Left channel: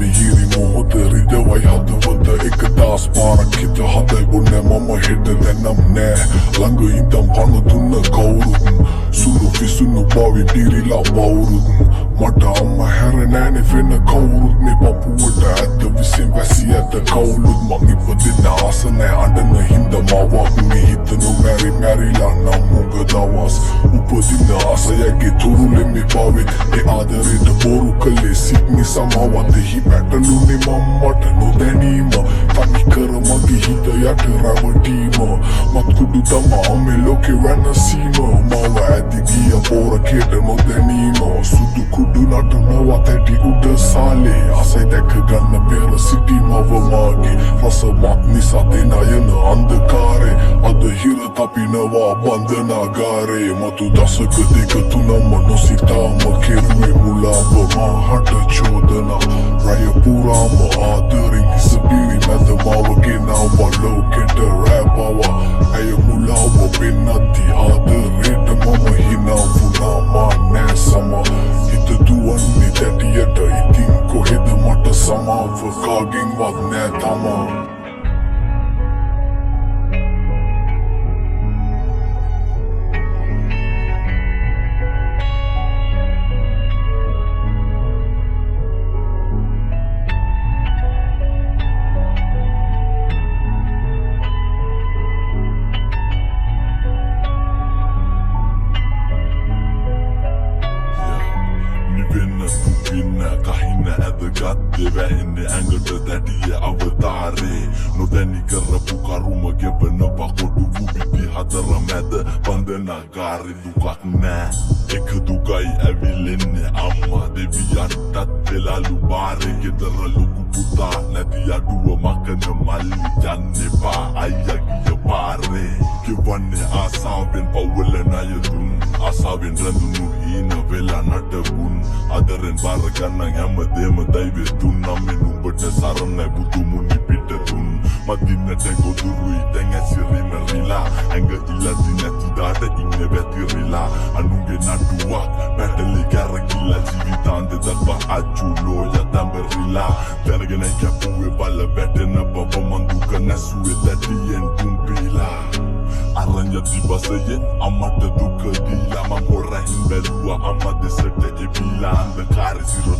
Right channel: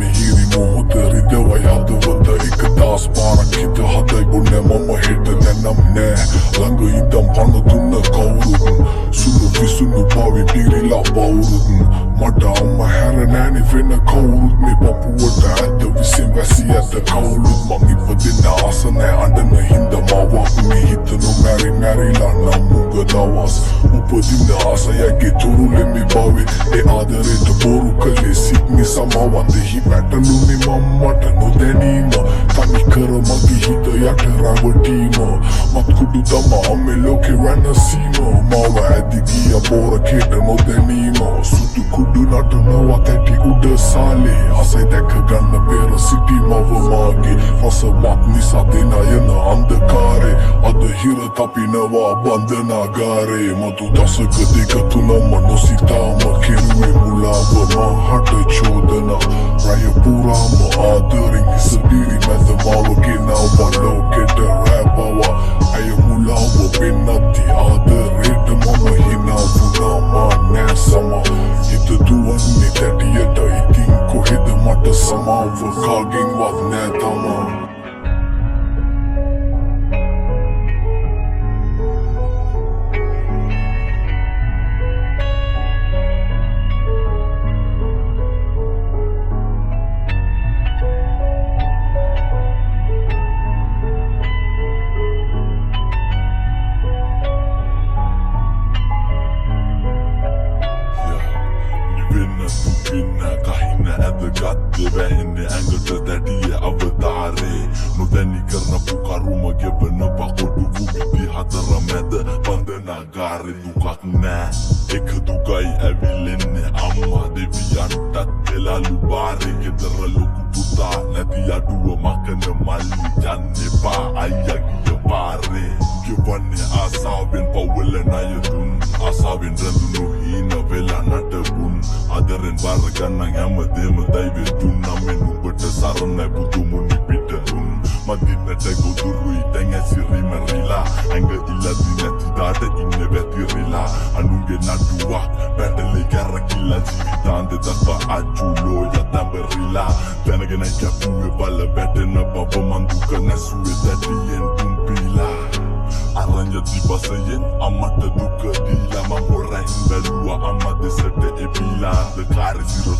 මිහිරි මොහොතේ දවයි හදවත එක දාස් පාරක් හිත හදයි බොන්නේ මම හෙට නැනම් නෑ ළඟ ඉඳන් පන දුන්න කවුරුත් සුරු කිසුණු බවි දිරිලා බවුරුත් මට අම්ම හැර නෑනේ වෙන කවුරුත් මේ පපුවට ඇත්ත විසින් වැසි ඇත කවුරුත් මං ඉපදෙන්න ආස නෑ අඬන හින්දා මාවත් මේ හිත නොමැරි මැරිලා නම් මුග දවස් උපදින්න ආසයගේ තුරුලෙ මේ බවේ ඒ ආදරේට බොරු කළේ සිත් නිසා මවන්දෙහි පැටලුනේ මම්මට නොදැනීම තනි කර මගේ හිත යට රැවටීම මත්කුඩු තමා මේ ලෝකෙ වෙනසීම මම ඇදි ගිය පෝරකේට නොදැනීම සුදු කුඩු නටනවා තැටි උඩ සාලේ ආසයි දැක ගන්න පෙර සිටි මව මාගේ රසවත් නිසා දෙනයන අන්ධකාරේ අද හිර තපිනවා බන්ධනාගාරේ මතු දසක දෙක තුනම නොසිතාම කෙරුවේ මුලාව මාහට චෝදනා රය පුරාම ආදරෙන් ඉසපිරි මැද මාව ගෙනාවා ලෝකෙට රැබවා ඇය මුලාව වෙන්නත්ති ආදරේට මම හිනා වුණා නෑ සම හිත දුවන්නේ තැටියට ඉතින් කොහෙද මට සමාව කාගෙන්වත් නෑ තමා vähenne ängöltä tädiä avataare no väni karna pukaruma gebena pakodu vubiti hatara mätä bandanaagare dukak nää eka dugai avilenne amma devian tattela lubare kedara luku puta nadi adua makana malli janne pa ayagi ya bare gevanne asaben pawelena yadun asaben randunu hina vela nadabun adaren barakana yamadema daibe tunna menubata sarana butumuni pitadun madina tagodurui tenga siri marila anga illa dinati dada inne vetirila anunge naduak pedale garakilla jivitande dakwa achulo ya tamberila tanagena yakuwe bala betena baba manduka nasuwe dadien tumpila aranya tibasayen amata duka dila mamora hindalua amade sete ebila the car is zero